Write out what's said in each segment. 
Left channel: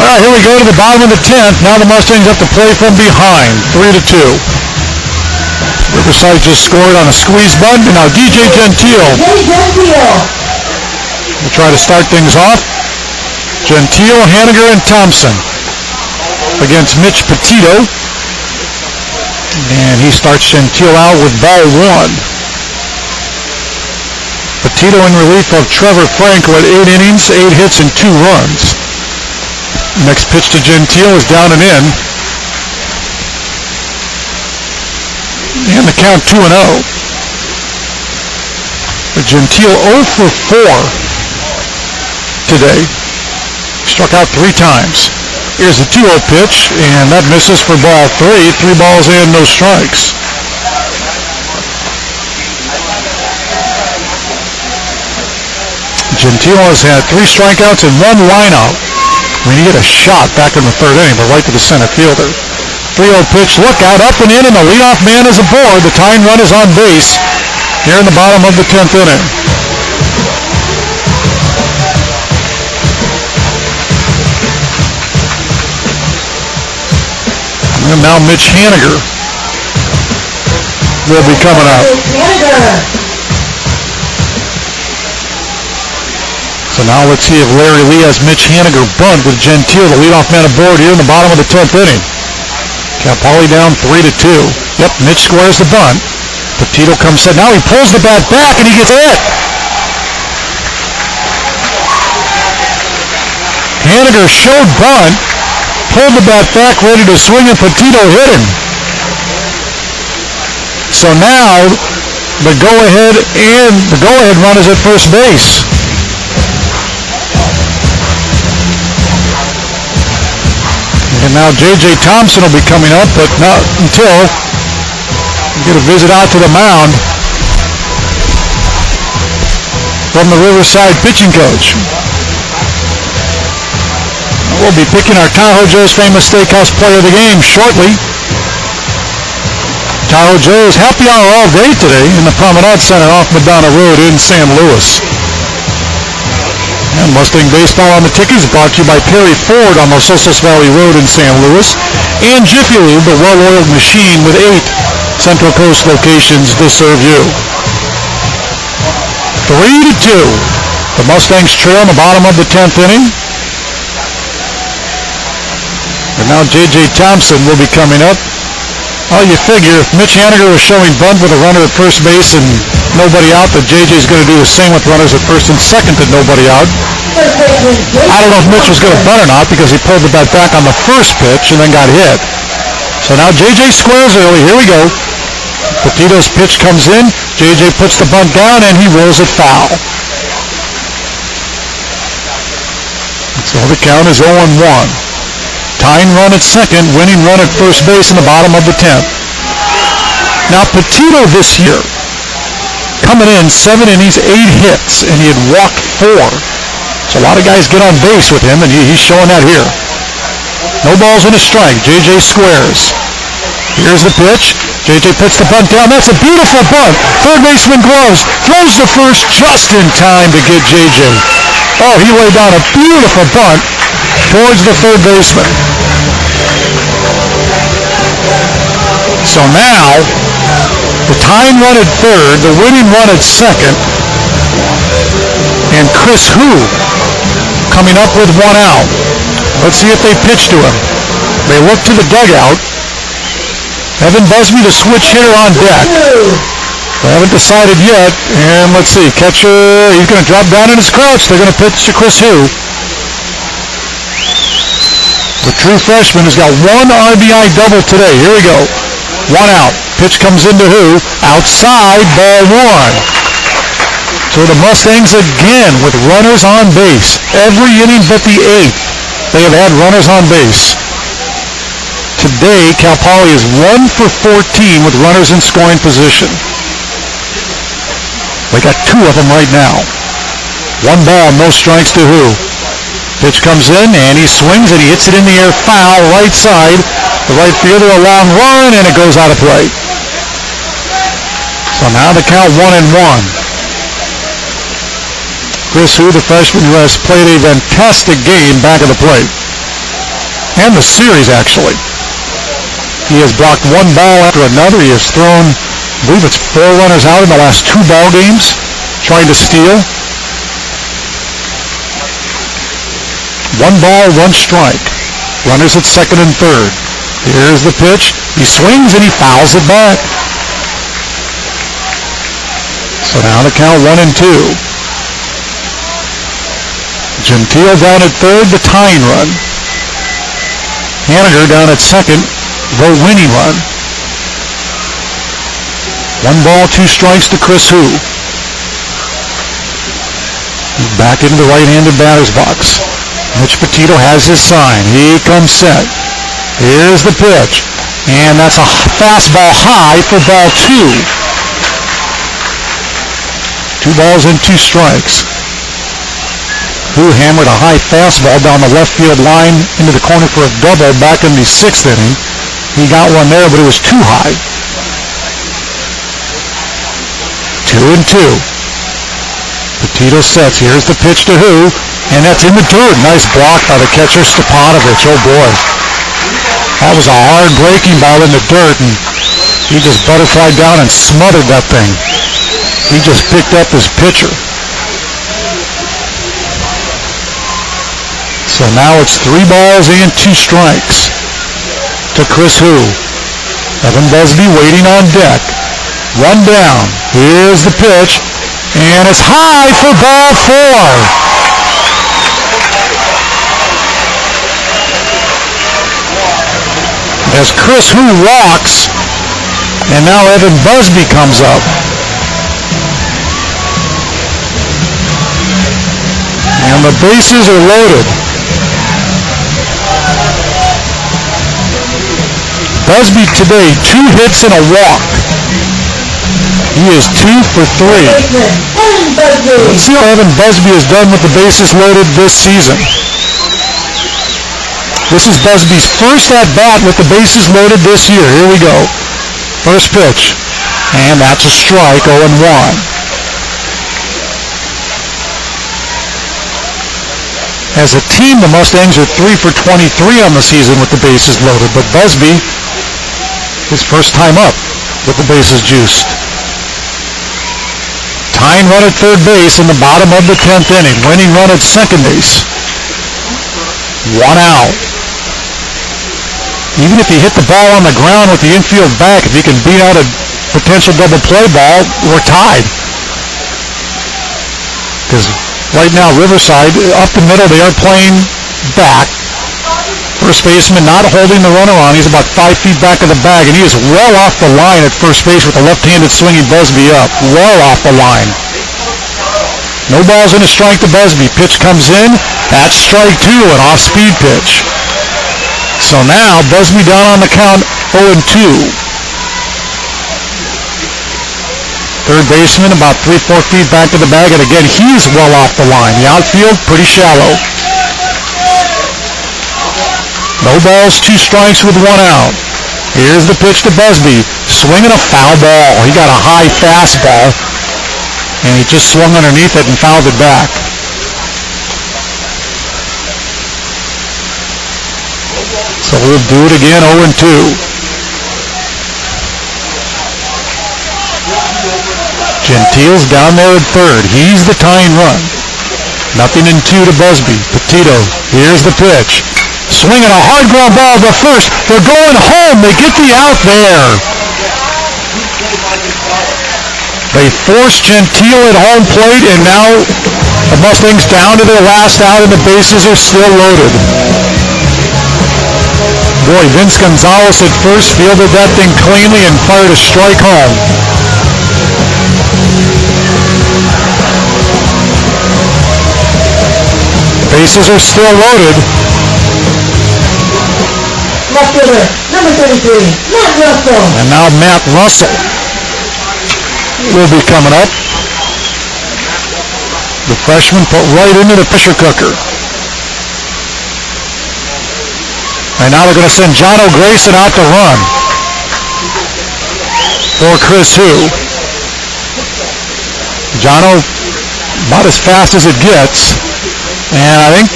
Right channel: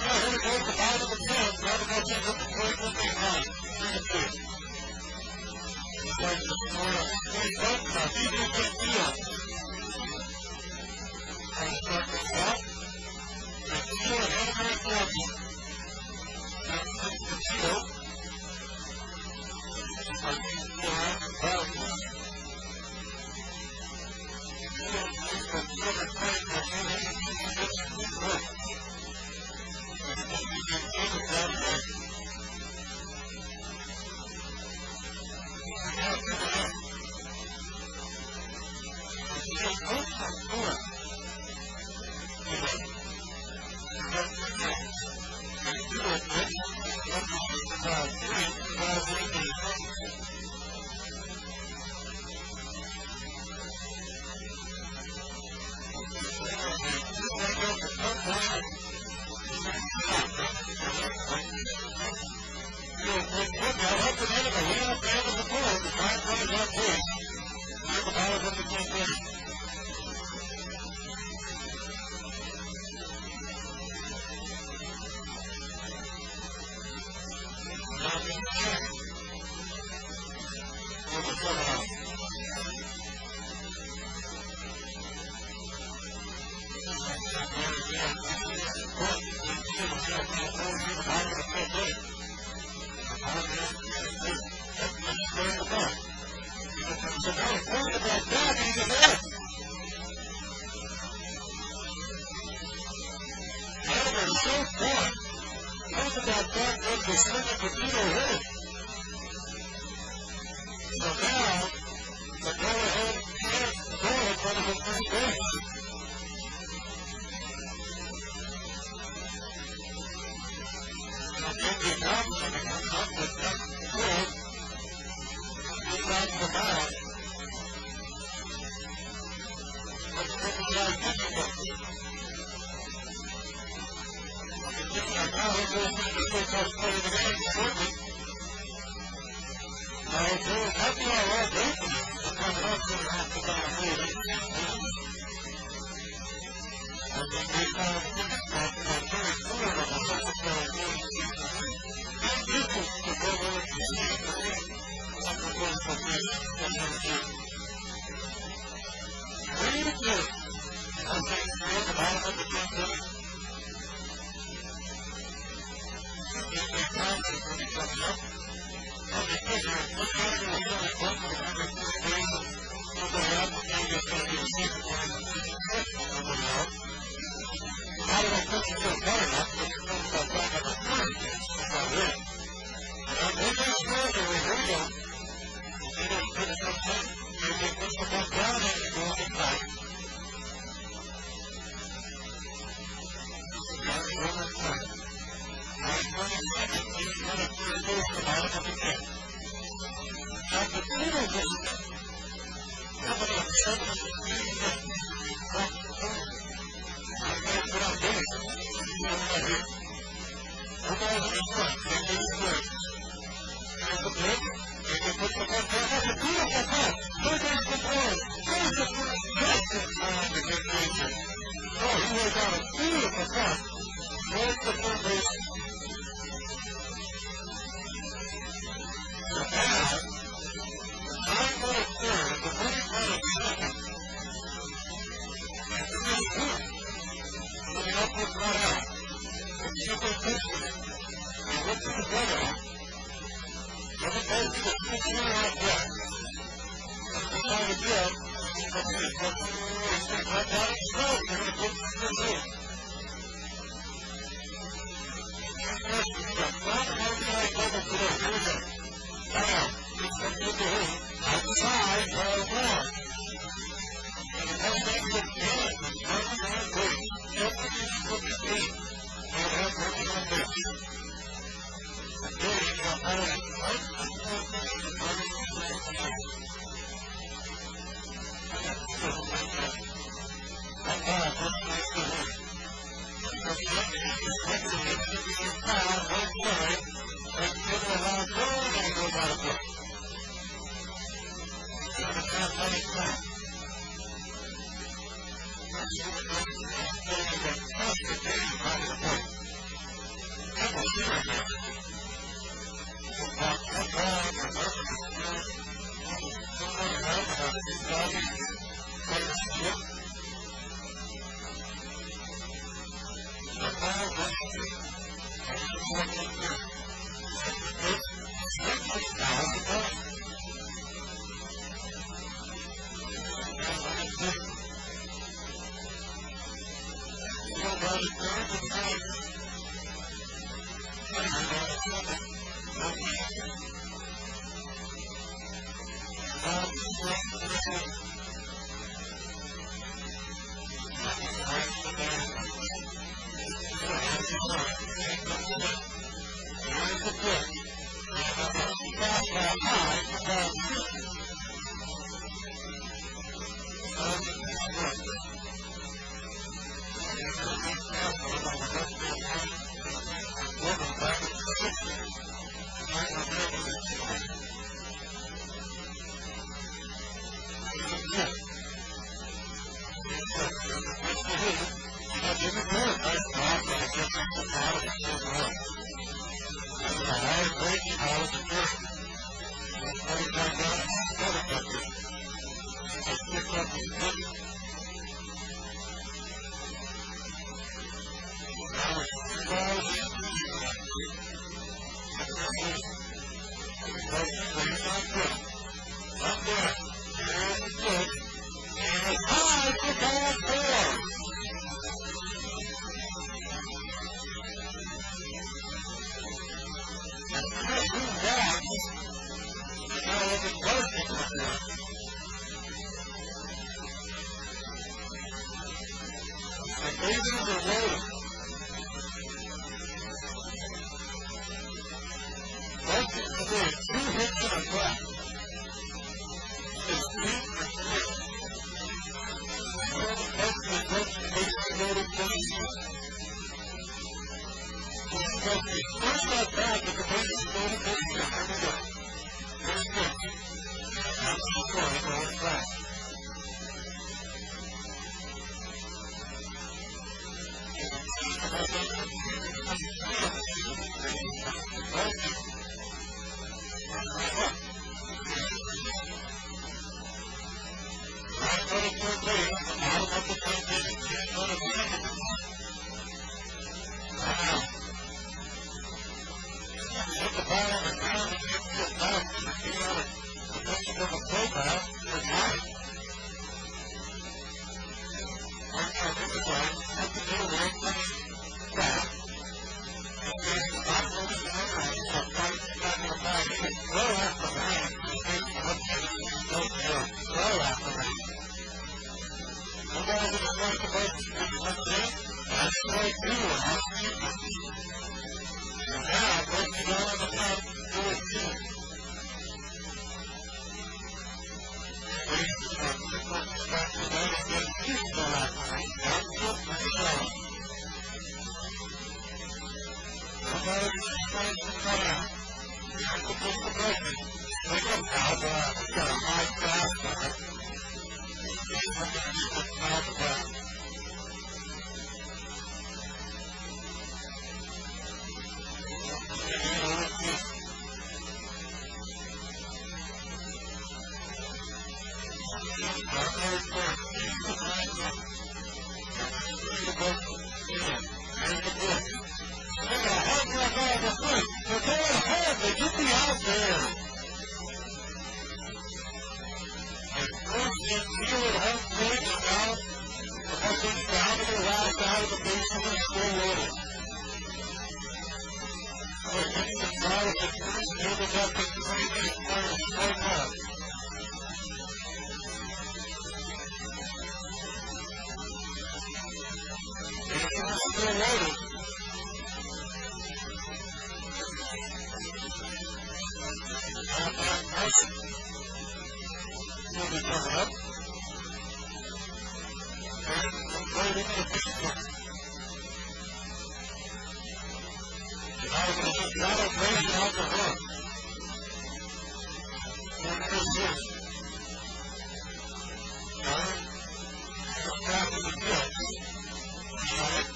All right, here we go to the bottom of the 10th. Now the Mustangs have to play from behind, 3-2. Riverside just scored on a squeeze bunt, and now DJ Gentile will try to start things off. Gentile, Haniger, and Thompson against Mitch Petito. And he starts Gentile out with ball 1. Petito in relief of Trevor Franco at 8 innings, 8 hits, and 2 runs. Next pitch to Gentile is down and in. And the count 2-0. Gentile 0 for 4 today. Struck out 3 times. Here's the 2-0 pitch, and that misses for ball 3. 3 balls and no strikes. Gentile has had 3 strikeouts and 1 lineout. When he hit a shot back in the 3rd inning, but right to the center fielder. 3-0 pitch, look out, up and in, and the leadoff man is aboard. The tying run is on base here in the bottom of the 10th inning. And now Mitch Haniger will be coming up. So now let's see if Larry Lee has Mitch Haniger bunt with Gentile, the leadoff man aboard here in the bottom of the 10th inning. Cal Poly down 3-2. Yep, Mitch squares the bunt. Petito comes set. Now he pulls the bat back and he gets hit. Haniger showed bunt, pulled the bat back, ready to swing, and Petito hit him. So now the go-ahead run is at first base. And now J.J. Thompson will be coming up, but not until we get a visit out to the mound from the Riverside pitching coach. We'll be picking our Tahoe Joe's Famous Steakhouse Player of the Game shortly. Tahoe Joe's happy hour all day today in the Promenade Center off Madonna Road in San Luis. And Mustang Baseball on the Ticket is brought to you by Perry Ford on Los Osos Valley Road in San Luis, and Jiffy Lube, the well-oiled machine with 8 Central Coast locations to serve you. 3-2. The Mustangs trail in the bottom of the 10th inning. And now J.J. Thompson will be coming up. Well, you figure if Mitch Haniger was showing bunt with a runner at first base and nobody out, that J.J.'s going to do the same with runners at first and second and nobody out. I don't know if Mitch was going to bunt or not because he pulled the bat back on the first pitch and then got hit. So now J.J. squares early. Here we go. Petito's pitch comes in. J.J. puts the bunt down and he rolls it foul. So the count is 0-1. Tying run at second, winning run at first base in the bottom of the 10th. Now Petito this year, coming in 7 innings, 8 hits, and he had walked 4. So a lot of guys get on base with him, and he's showing that here. No balls and a strike. J.J. squares. Here's the pitch. J.J. puts the bunt down. That's a beautiful bunt. Third baseman gloves. Throws the first just in time to get J.J. Oh, he laid down a beautiful bunt towards the third baseman. So now, the tying run at third, the winning run at second, and Chris Hu coming up with 1 out. Let's see if they pitch to him. They look to the dugout. Evan Busby, the switch hitter, on deck. They haven't decided yet. And let's see, catcher, he's going to drop down in his crouch. They're going to pitch to Chris Hu. The true freshman has got 1 RBI double today. Here we go. 1 out. Pitch comes into Hu. Outside, ball 1. So the Mustangs again with runners on base. Every inning but the 8th, they have had runners on base. Today, Cal Poly is 1 for 14 with runners in scoring position. They got 2 of them right now. 1 ball, no strikes to Hu. Pitch comes in, and he swings, and he hits it in the air foul, right side. The right fielder, a long run, and it goes out of play. So now the count 1-1. Chris Hu, the freshman who has played a fantastic game back at the plate. and the series, actually. He has blocked one ball after another. He has thrown, I believe it's 4 runners out in the last 2 ball games, trying to steal. 1 ball, 1 strike. Runners at second and third. Here's the pitch. He swings and he fouls it back. So now the count 1-2. Gentile down at third, the tying run. Haniger down at second, the winning run. 1 ball, 2 strikes to Chris Hu. He's back into the right-handed batter's box. Mitch Petito has his sign. He comes set. Here's the pitch. And that's a fastball high for ball 2. 2 balls and 2 strikes. Hu hammered a high fastball down the left field line into the corner for a double back in the 6th inning. He got one there, but it was too high. 2-2. Petito sets. Here's the pitch to Hu, and that's in the dirt. Nice block by the catcher, Stepanovich. Oh, boy. That was a hard breaking ball in the dirt, and he just butterflied down and smothered that thing. He just picked up his pitcher. So now it's 3 balls and 2 strikes to Chris Hu. Evan Busby waiting on deck. 1 down. Here's the pitch, and it's high for ball 4. As Chris Hu walks, and now Evan Busby comes up. And the bases are loaded. Busby today, 2 hits and a walk. He is 2 for 3. Let's see how Evan Busby has done with the bases loaded this season. This is Busby's first at-bat with the bases loaded this year. Here we go. First pitch. And that's a strike, 0-1. As a team, the Mustangs are 3 for 23 on the season with the bases loaded, but Busby, his first time up with the bases juiced. Tying run at third base in the bottom of the 10th inning. Winning run at second base. 1 out. Even if he hit the ball on the ground with the infield back, if he can beat out a potential double play ball, we're tied. Because right now, Riverside, up the middle, they are playing back. First baseman not holding the runner on. He's about 5 feet back of the bag, and he is well off the line at first base with the left-handed swinging Busby up. Well off the line. No balls and a strike to Busby. Pitch comes in. That's strike 2, an off-speed pitch. So now, Busby down on the count, 0-2. Third baseman about 3-4 feet back to the bag, and again, he's well off the line. The outfield, pretty shallow. No balls, 2 strikes with 1 out. Here's the pitch to Busby. Swinging a foul ball. He got a high fastball, and he just swung underneath it and fouled it back. So we'll do it again, 0-2. Gentile's down there at third. He's the tying run. 0-2 to Busby. Petito, here's the pitch. Swinging a hard ground ball to first. They're going home. They get the out there. They force Gentile at home plate, and now the Mustangs down to their last out, and the bases are still loaded. Boy, Vince Gonzalez at first fielded that thing cleanly and fired a strike home. Bases are still loaded. Left fielder, number 33, Matt Russell. And now Matt Russell will be coming up. The freshman put right into the pressure cooker. And now they're going to send Jono Grayson out to run for Chris Hu. Jono about as fast as it gets. And I think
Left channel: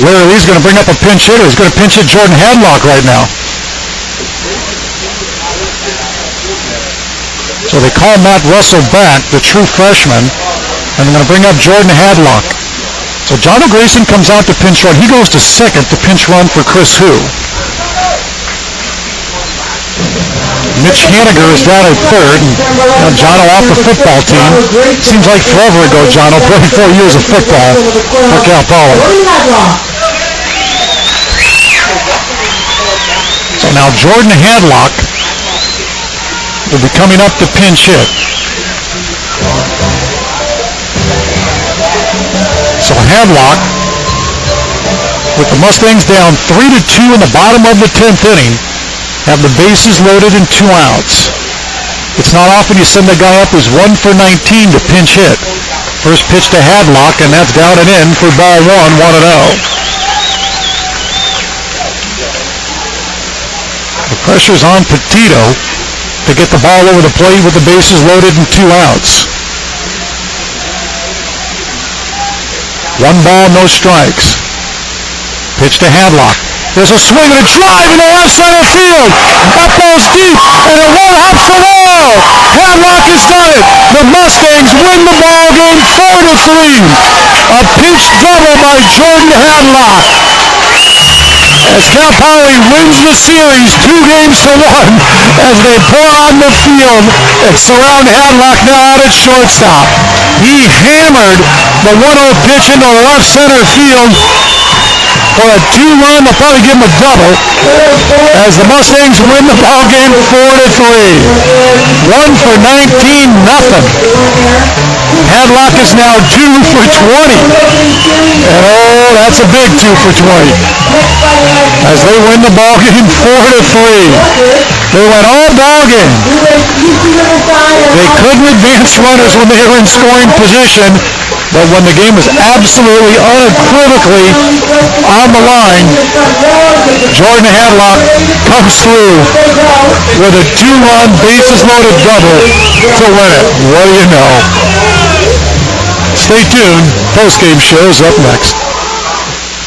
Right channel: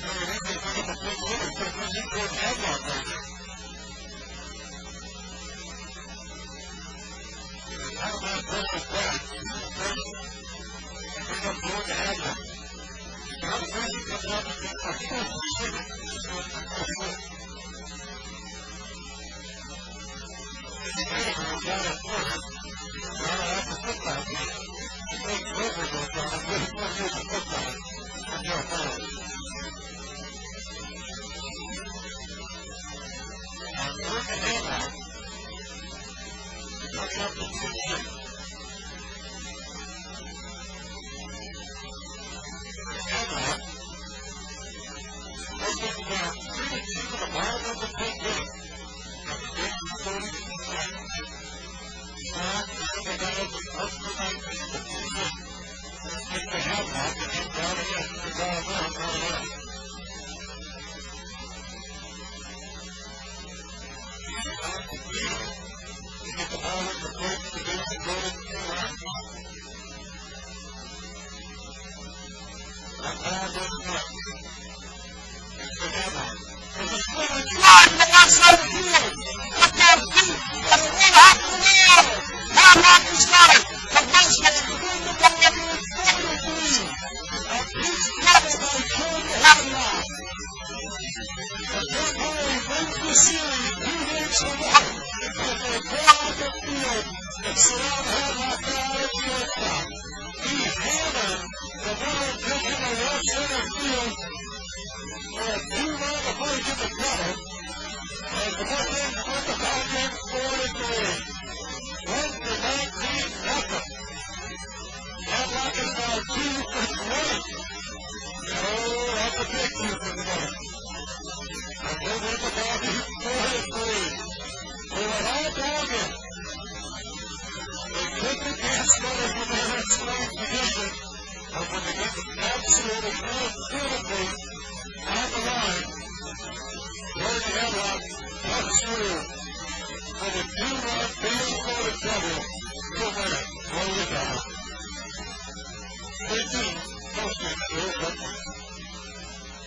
Larry Lee's going to bring up a pinch hitter. He's going to pinch hit Jordan Hadlock right now. So they call Matt Russell back, the true freshman, and they're going to bring up Jordan Hadlock. So John O'Grayson comes out to pinch run. He goes to second to pinch run for Chris Hu. Mitch Haniger is down at third, and Jono off the football team. Seems like forever ago Jono played 4 years of football for Cal Poly. So now Jordan Hadlock will be coming up to pinch hit. So Hadlock, with the Mustangs down 3-2 in the bottom of the 10th inning, have the bases loaded and 2 outs. It's not often you send a guy up who's 1 for 19 to pinch hit. First pitch to Hadlock, and that's down and in for ball 1, 1-0. The pressure's on Petito to get the ball over the plate with the bases loaded and 2 outs. 1 ball, no strikes. Pitch to Hadlock. There's a swing and a drive in the left center field. That ball's deep, and it won't hop the wall. Hadlock has done it. The Mustangs win the ball game 4-3. A pinch double by Jordan Hadlock. As Cal Poly wins the series 2-1 as they pour on the field and surround Hadlock now out at shortstop. He hammered the 1-0 pitch into left center field for a 2-run. They'll probably give him a double as the Mustangs win the ball game 4-3. 1 for 19, nothing. Hadlock is now 2 for 20. And oh, that's a big 2 for 20. As they win the ball game 4-3. They went all ball game. They couldn't advance runners when they were in scoring position. But when the game was absolutely unequivocally on the line, Jordan Hadlock comes through with a 2-run bases-loaded double to win it. What do you know? Stay tuned. Post-game show's up next.